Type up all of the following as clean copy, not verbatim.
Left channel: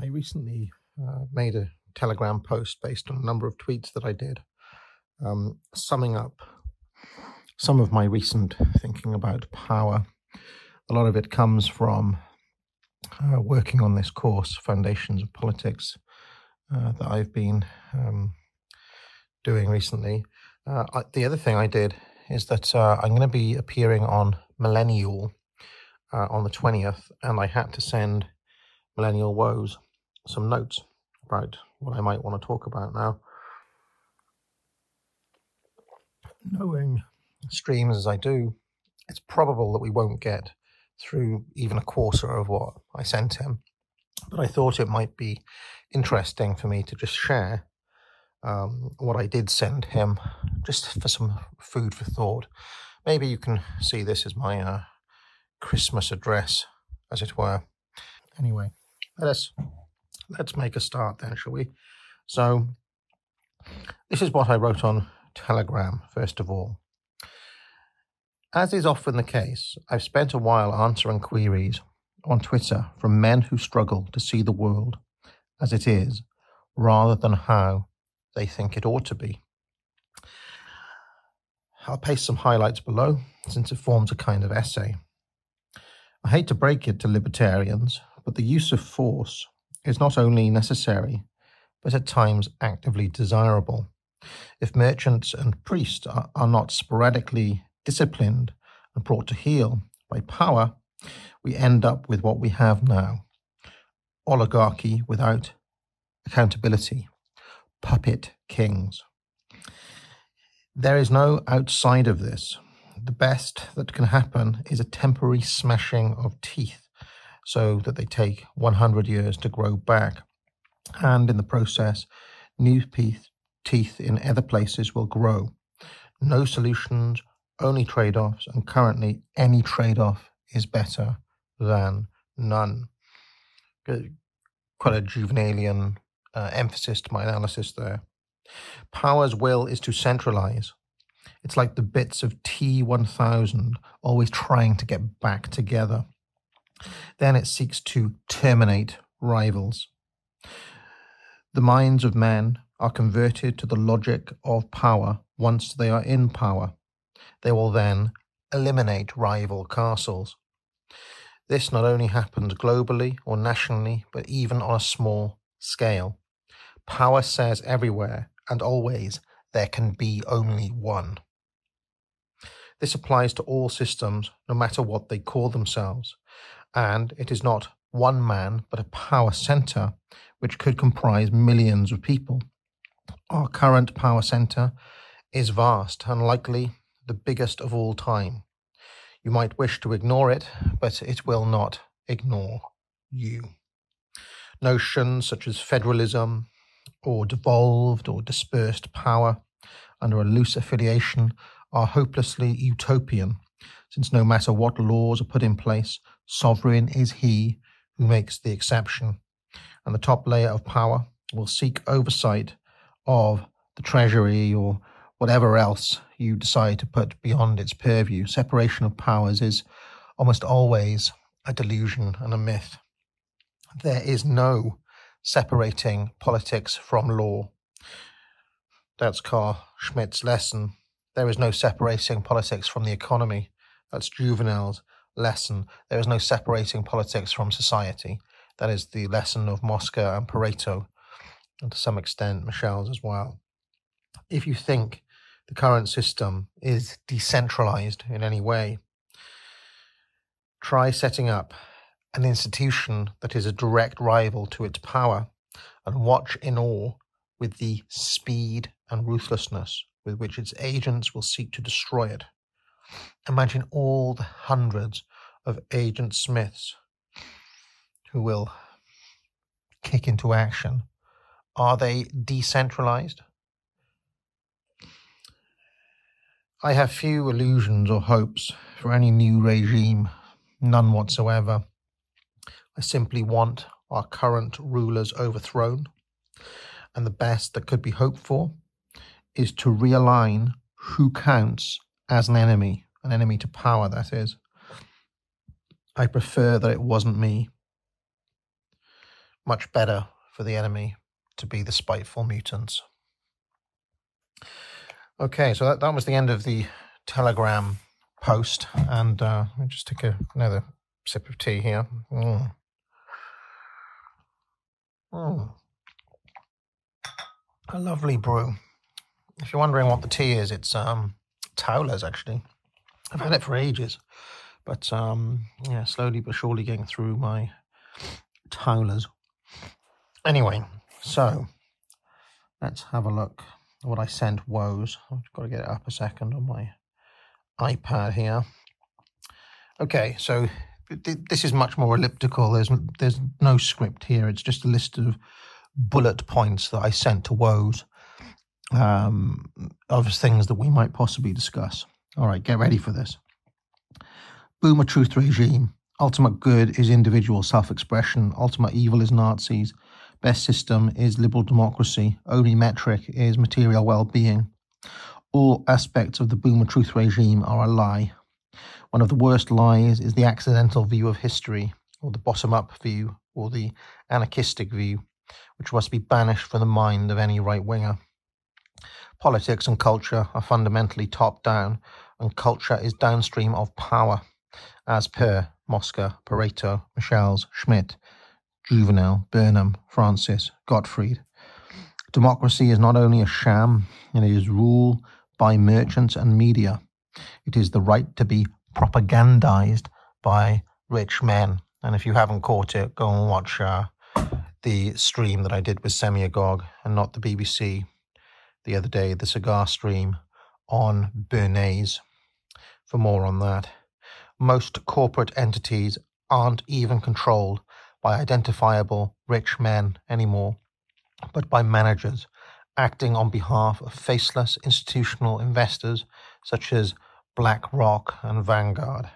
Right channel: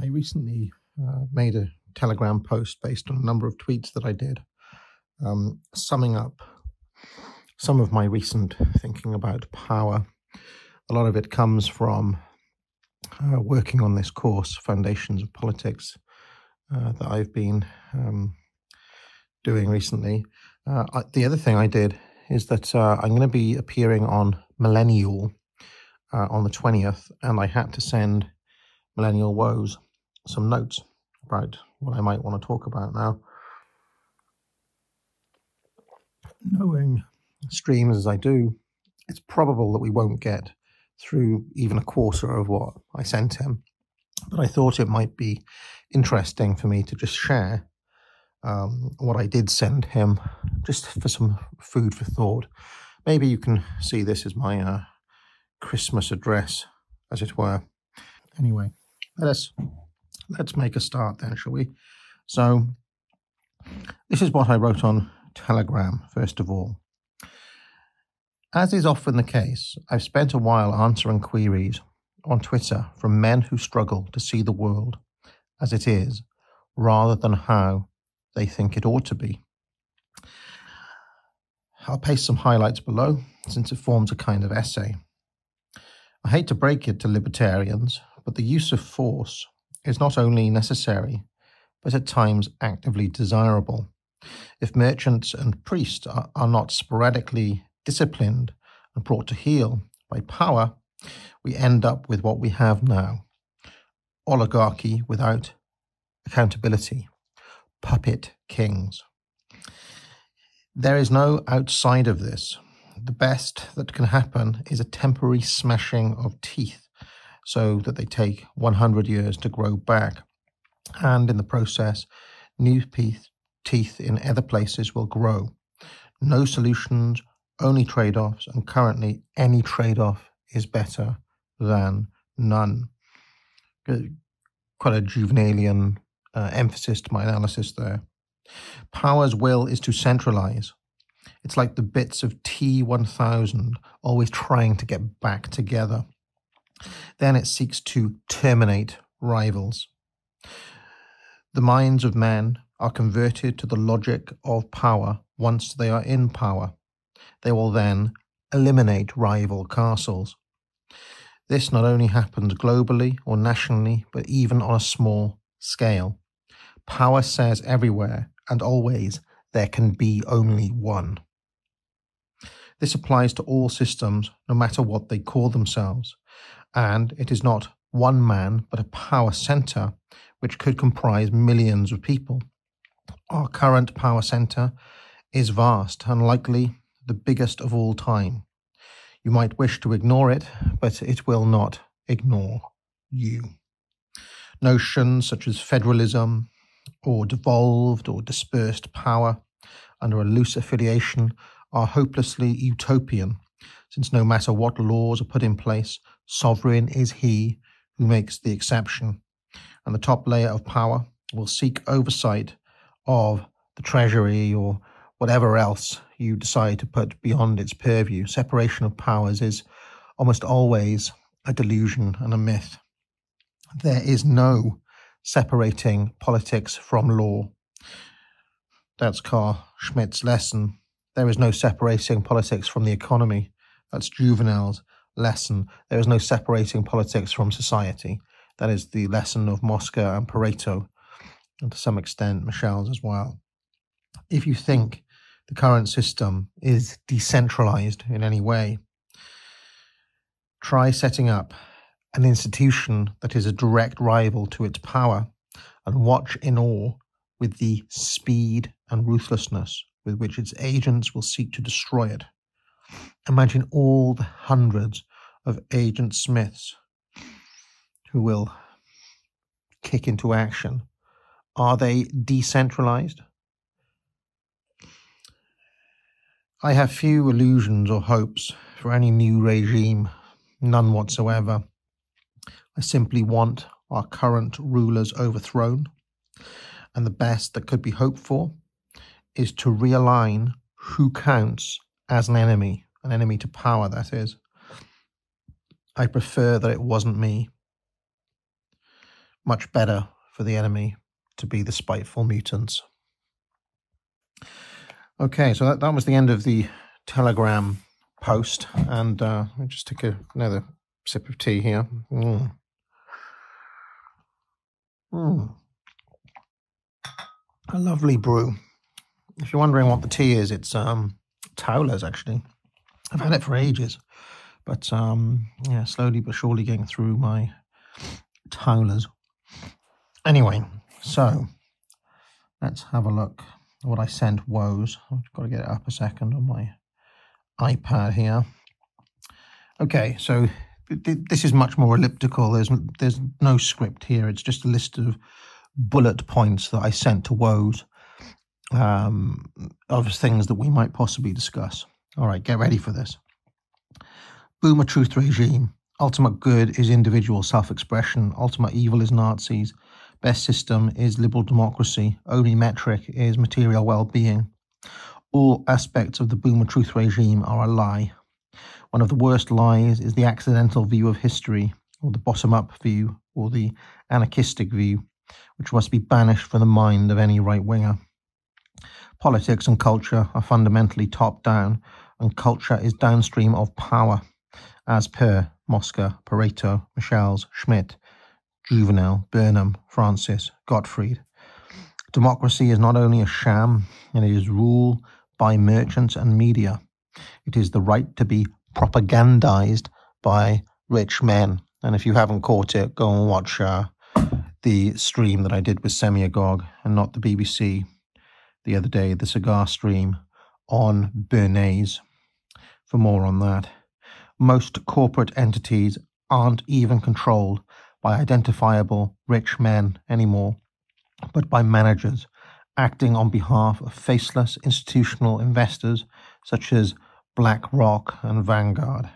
I recently made a Telegram post based on a number of tweets that I did, summing up some of my recent thinking about power. A lot of it comes from working on this course, Foundations of Politics, that I've been doing recently. The other thing I did is that I'm going to be appearing on Millennial on the 20th, and I had to send Millennial Woes some notes about what I might want to talk about now. Knowing streams as I do, it's probable that we won't get through even a quarter of what I sent him. But I thought it might be interesting for me to just share what I did send him, just for some food for thought. Maybe you can see this as my Christmas address, as it were. Anyway, let's make a start then, shall we? So, this is what I wrote on Telegram, first of all. As is often the case, I've spent a while answering queries on Twitter from men who struggle to see the world as it is, rather than how they think it ought to be. I'll paste some highlights below, since it forms a kind of essay. I hate to break it to libertarians, but the use of force is not only necessary, but at times actively desirable. If merchants and priests are not sporadically disciplined and brought to heel by power, we end up with what we have now: oligarchy without accountability, puppet kings. There is no outside of this. The best that can happen is a temporary smashing of teeth so that they take 100 years to grow back, and in the process, new teeth in other places will grow. No solutions, only trade-offs, and currently any trade-off is better than none. Quite a Jouvenelian emphasis to my analysis there. Power's will is to centralize. It's like the bits of T1000 always trying to get back together. Then it seeks to terminate rivals. The minds of men are converted to the logic of power once they are in power. They will then eliminate rival castles. This not only happens globally or nationally, but even on a small scale. Power says everywhere and always there can be only one. This applies to all systems, no matter what they call themselves. And it is not one man, but a power centre, which could comprise millions of people. Our current power centre is vast and likely the biggest of all time. You might wish to ignore it, but it will not ignore you. Notions such as federalism, or devolved or dispersed power under a loose affiliation are hopelessly utopian, since no matter what laws are put in place, sovereign is he who makes the exception, and the top layer of power will seek oversight of the treasury or whatever else you decide to put beyond its purview. Separation of powers is almost always a delusion and a myth. There is no separating politics from law. That's Carl Schmitt's lesson. There is no separating politics from the economy. That's Jouvenel's lesson. There is no separating politics from society. That is the lesson of Mosca and Pareto, and to some extent Michel's as well. If you think the current system is decentralized in any way, try setting up an institution that is a direct rival to its power, and watch in awe with the speed and ruthlessness with which its agents will seek to destroy it. Imagine all the hundreds of Agent Smiths who will kick into action. Are they decentralized? I have few illusions or hopes for any new regime, none whatsoever. I simply want our current rulers overthrown, and the best that could be hoped for is to realign who counts as an enemy to power, that is. I prefer that it wasn't me. much better for the enemy to be the spiteful mutants. Okay, so that was the end of the Telegram post, and I'll just take another sip of tea here. A lovely brew. If you're wondering what the tea is, it's Towler's actually. I've had it for ages, but yeah, slowly but surely getting through my Towler's. Anyway, so let's have a look at what I sent Woes. I've got to get it up a second on my iPad here. Okay, so this is much more elliptical. There's no script here. It's just a list of bullet points that I sent to Woes of things that we might possibly discuss. All right, get ready for this. Boomer truth regime. Ultimate good is individual self-expression. Ultimate evil is Nazis. Best system is liberal democracy. Only metric is material well-being. All aspects of the boomer truth regime are a lie. One of the worst lies is the accidental view of history, or the bottom-up view, or the anarchistic view, which must be banished from the mind of any right-winger. Politics and culture are fundamentally top-down, and culture is downstream of power, as per Mosca, Pareto, Michels, Schmitt, Jouvenel, Burnham, Francis, Gottfried. Democracy is not only a sham, it is rule by merchants and media. It is the right to be propagandized by rich men. And if you haven't caught it, go and watch the stream that I did with Semiagog and not the BBC the other day, the cigar stream on Bernays, for more on that. Most corporate entities aren't even controlled by identifiable rich men anymore, but by managers acting on behalf of faceless institutional investors such as BlackRock and Vanguard.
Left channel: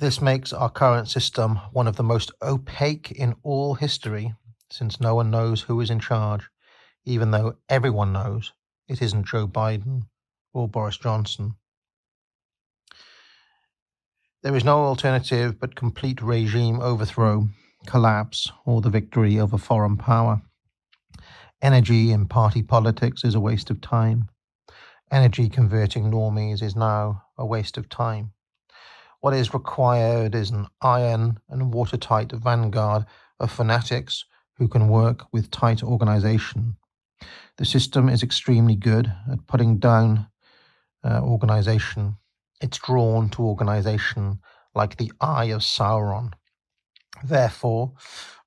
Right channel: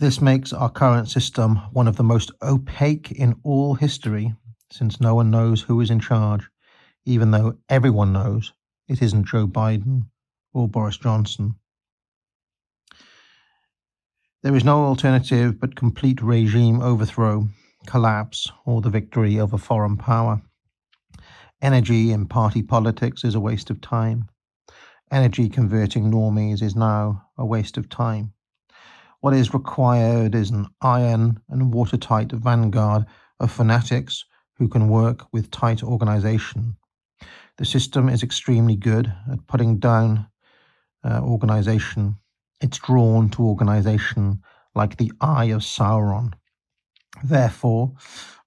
This makes our current system one of the most opaque in all history, since no one knows who is in charge, even though everyone knows it isn't Joe Biden or Boris Johnson. There is no alternative but complete regime overthrow, collapse, or the victory of a foreign power. Energy in party politics is a waste of time. Energy converting normies is now a waste of time. What is required is an iron and watertight vanguard of fanatics who can work with tight organisation. The system is extremely good at putting down organisation. It's drawn to organisation like the eye of Sauron. Therefore,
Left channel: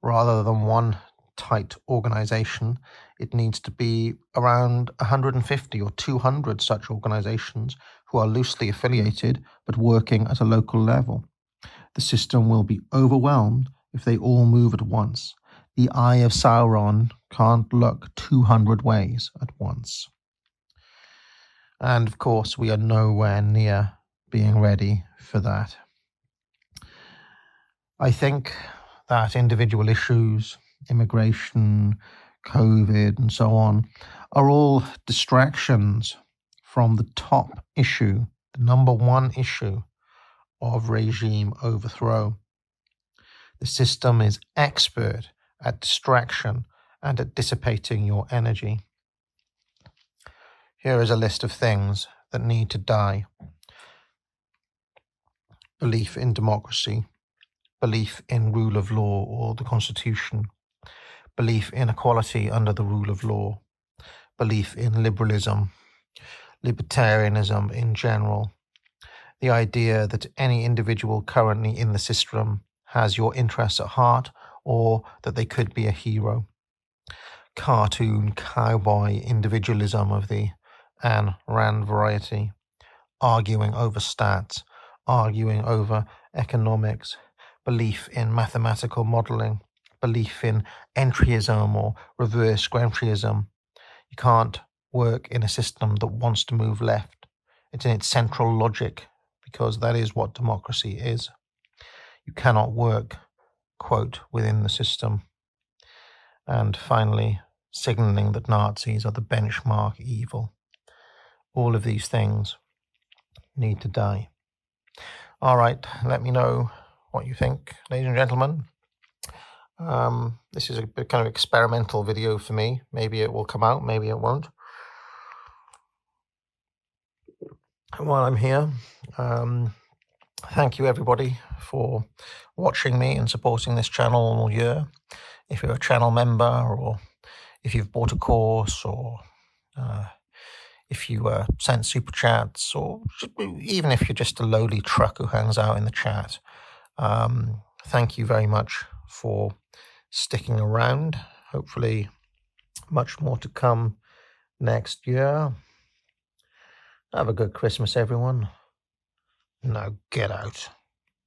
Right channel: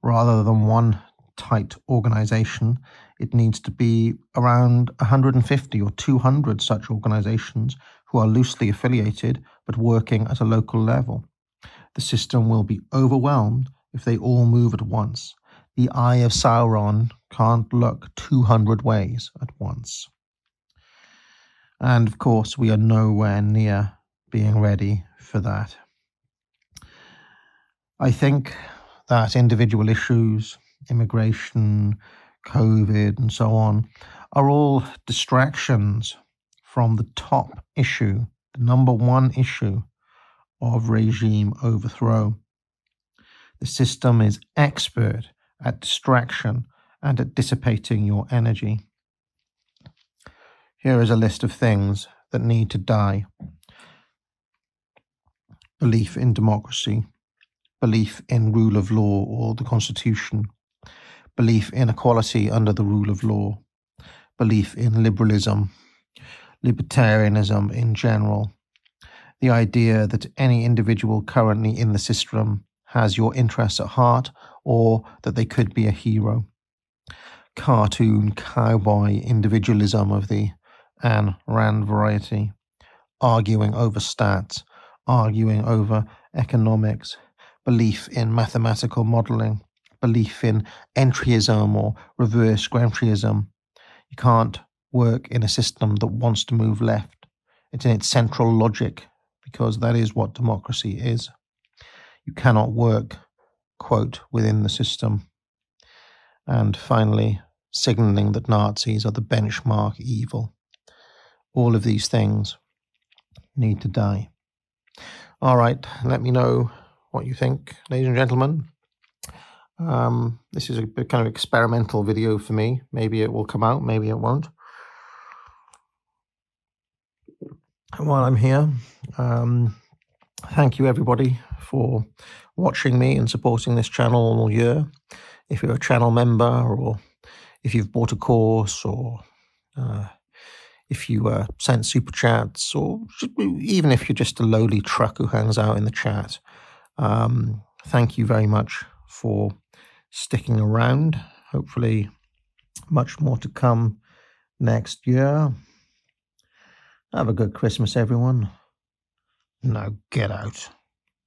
rather than one tight organisation, it needs to be around 150 or 200 such organisations who are loosely affiliated but working at a local level. The system will be overwhelmed if they all move at once. The eye of Sauron can't look 200 ways at once. And of course, we are nowhere near being ready for that. I think that individual issues, immigration, COVID and so on, are all distractions from the top issue, the number one issue of regime overthrow. The system is expert at distraction and at dissipating your energy. Here is a list of things that need to die. Belief in democracy, belief in rule of law or the Constitution, belief in equality under the rule of law, belief in liberalism, libertarianism in general, the idea that any individual currently in the system has your interests at heart or that they could be a hero, cartoon cowboy individualism of the Ayn Rand variety, arguing over stats, arguing over economics, belief in mathematical modelling, belief in entryism or reverse grantyism. You can't work in a system that wants to move left. It's in its central logic, because that is what democracy is. You cannot work, quote, within the system. And finally, signalling that Nazis are the benchmark evil. All of these things need to die. All right, let me know what you think, ladies and gentlemen. This is a kind of experimental video for me. Maybe it will come out, maybe it won't. And while I'm here, thank you everybody for watching me and supporting this channel all year. If you're a channel member, or if you've bought a course, or if you sent super chats, or even if you're just a lowly truck who hangs out in the chat, thank you very much for sticking around. Hopefully much more to come next year. Have a good Christmas, everyone. Now get out.